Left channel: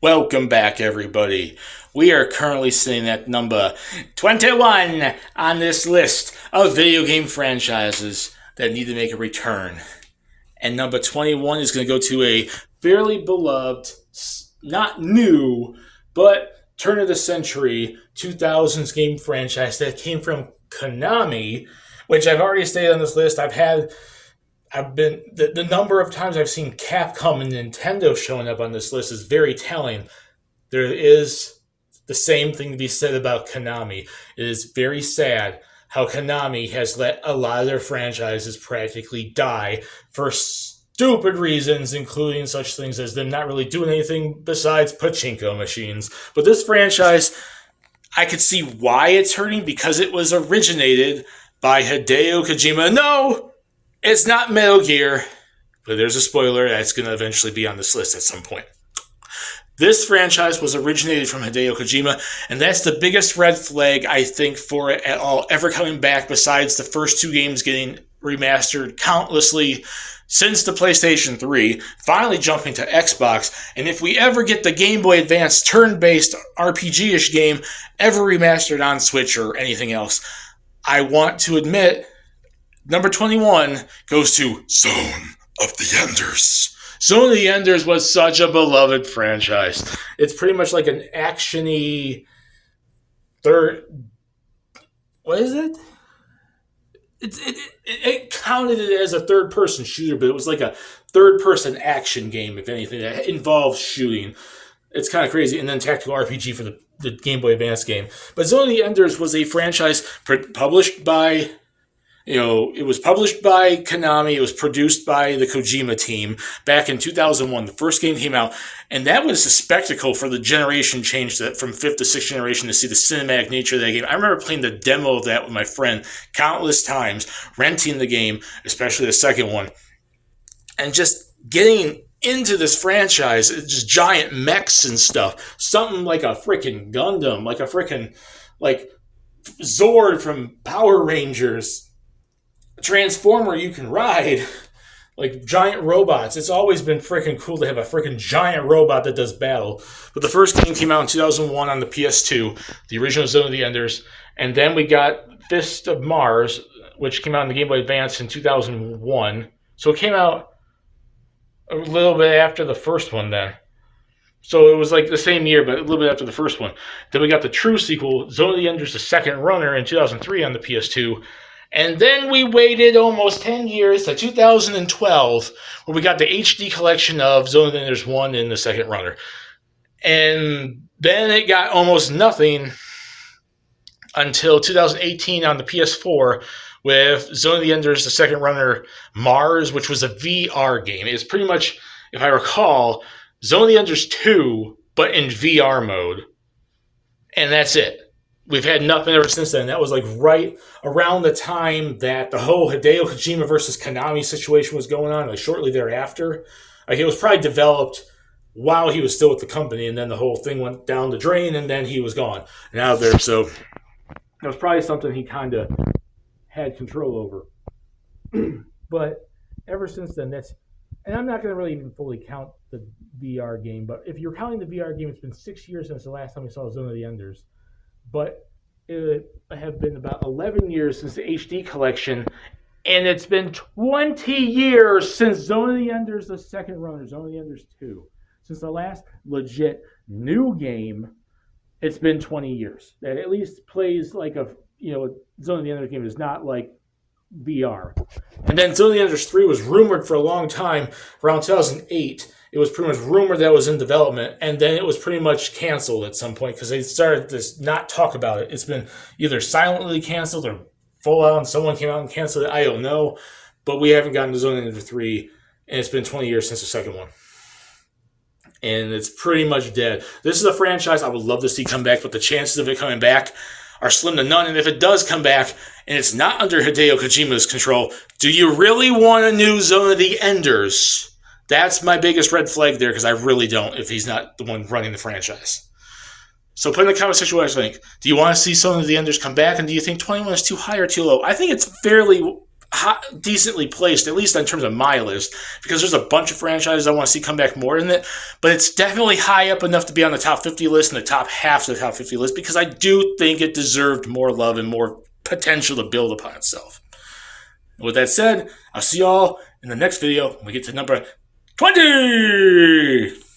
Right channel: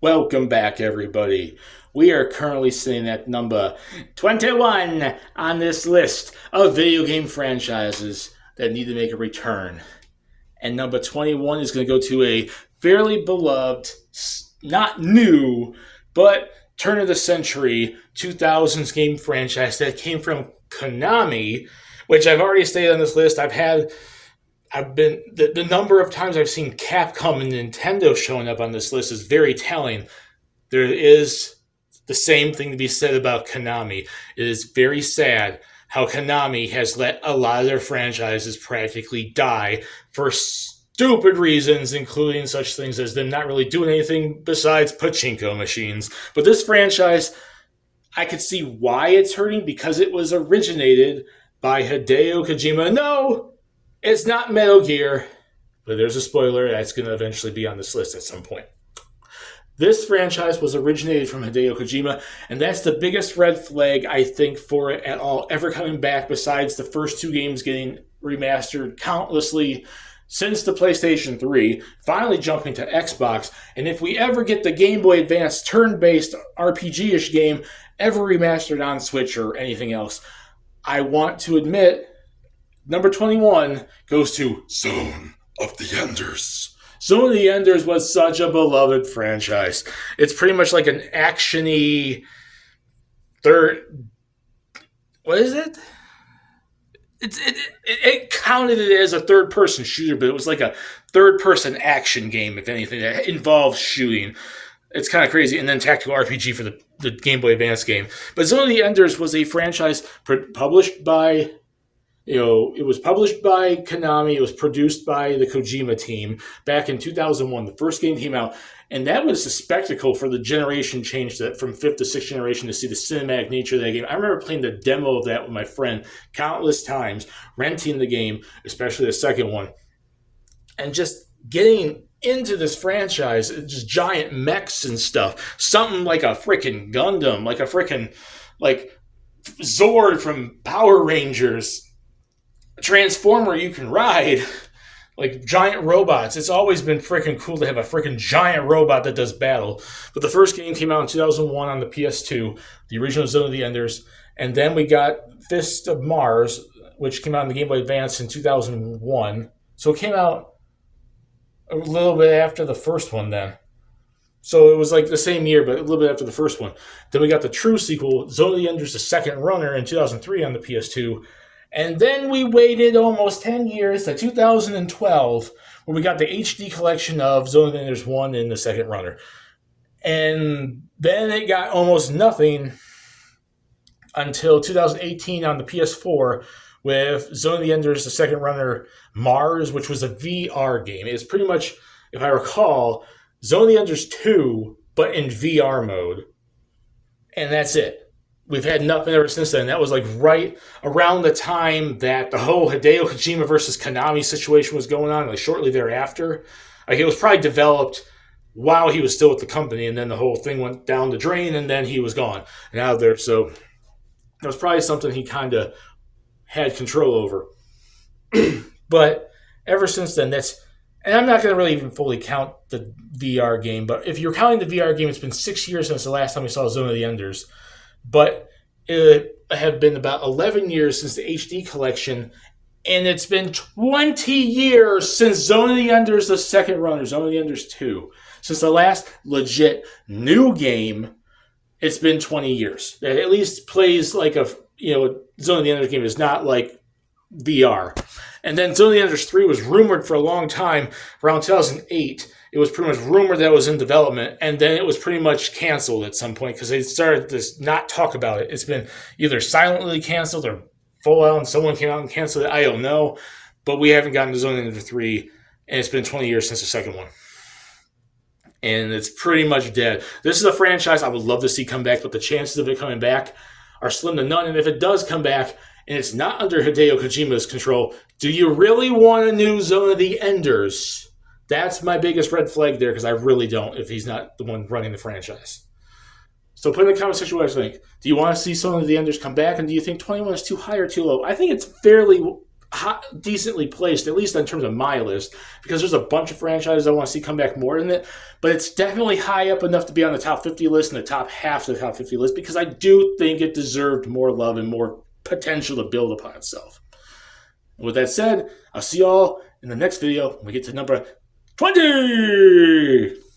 Welcome back, everybody. We are currently sitting at number 21 on this list of video game franchises that need to make a return. And number 21 is going to go to a fairly beloved, not new, but turn of the century 2000s game franchise that came from Konami, which I've already stated on this list. I've been the number of times I've seen Capcom and Nintendo showing up on this list is very telling. There is the same thing to be said about Konami. It is very sad how Konami has let a lot of their franchises practically die for stupid reasons, including such things as them not really doing anything besides pachinko machines. But this franchise, I could see why it's hurting because it was originated by Hideo Kojima. No, it's not Metal Gear, but there's a spoiler that's going to eventually be on this list at some point. This franchise was originated from Hideo Kojima, and that's the biggest red flag, I think, for it at all ever coming back, besides the first two games getting remastered countlessly since the PlayStation 3, finally jumping to Xbox. And if we ever get the Game Boy Advance turn-based RPG-ish game ever remastered on Switch or anything else, I want to admit number 21 goes to Zone of the Enders. Zone of the Enders was such a beloved franchise. It's pretty much like an action-y third... What is it? It counted it as a third-person shooter, but it was like a third-person action game, if anything, that involves shooting. It's kind of crazy. And then tactical RPG for the Game Boy Advance game. But Zone of the Enders was a franchise published by... it was published by Konami. It was produced by the Kojima team back in 2001. The first game came out, and that was a spectacle for the generation change that from 5th to 6th generation to see the cinematic nature of that game. I remember playing the demo of that with my friend countless times, renting the game, especially the second one, and just getting into this franchise, just giant mechs and stuff. Something like a freaking Gundam, like a freaking Zord from Power Rangers. Transformer you can ride, like giant robots. It's always been freaking cool to have a freaking giant robot that does battle. But the first game came out in 2001 on the PS2, the original Zone of the Enders, and then we got Fist of Mars, which came out on the Game Boy Advance in 2001. So it came out a little bit after the first one then. So it was like the same year, but a little bit after the first one. Then we got the true sequel, Zone of the Enders, the second runner, in 2003 on the PS2. And then we waited almost 10 years to 2012, where we got the HD collection of Zone of the Enders 1 and the second runner. And then it got almost nothing until 2018 on the PS4 with Zone of the Enders, the second runner, Mars, which was a VR game. It's pretty much, if I recall, Zone of the Enders 2, but in VR mode. And that's it. We've had nothing ever since then. That was like right around the time that the whole Hideo Kojima versus Konami situation was going on, like shortly thereafter. Like it was probably developed while he was still with the company, and then the whole thing went down the drain, and then he was gone. And out there, so it was probably something he kind of had control over. But ever since then, and I'm not going to really even fully count the VR game, but if you're counting the VR game, it's been 6 years since the last time we saw Zone of the Enders. But it have been about 11 years since the HD collection, and it's been 20 years since Zone of the Enders, the second runner, Zone of the Enders 2. Since the last legit new game, it's been 20 years. It at least plays like Zone of the Enders game is not like VR. And then Zone of the Enders 3 was rumored for a long time, around 2008. It was pretty much rumored that it was in development, and then it was pretty much canceled at some point because they started to not talk about it. It's been either silently canceled or full out, and someone came out and canceled it. I don't know, but we haven't gotten to Zone of the Enders 3, and it's been 20 years since the second one. And it's pretty much dead. This is a franchise I would love to see come back, but the chances of it coming back are slim to none. And if it does come back, and it's not under Hideo Kojima's control, do you really want a new Zone of the Enders? That's my biggest red flag there, because I really don't if he's not the one running the franchise. So put in the comment section what you think. Do you want to see Zone of the Enders come back, and do you think 21 is too high or too low? I think it's fairly decently placed, at least in terms of my list, because there's a bunch of franchises I want to see come back more in it, but it's definitely high up enough to be on the top 50 list and the top half of the top 50 list, because I do think it deserved more love and more potential to build upon itself. And with that said, I'll see y'all in the next video when we get to number 20!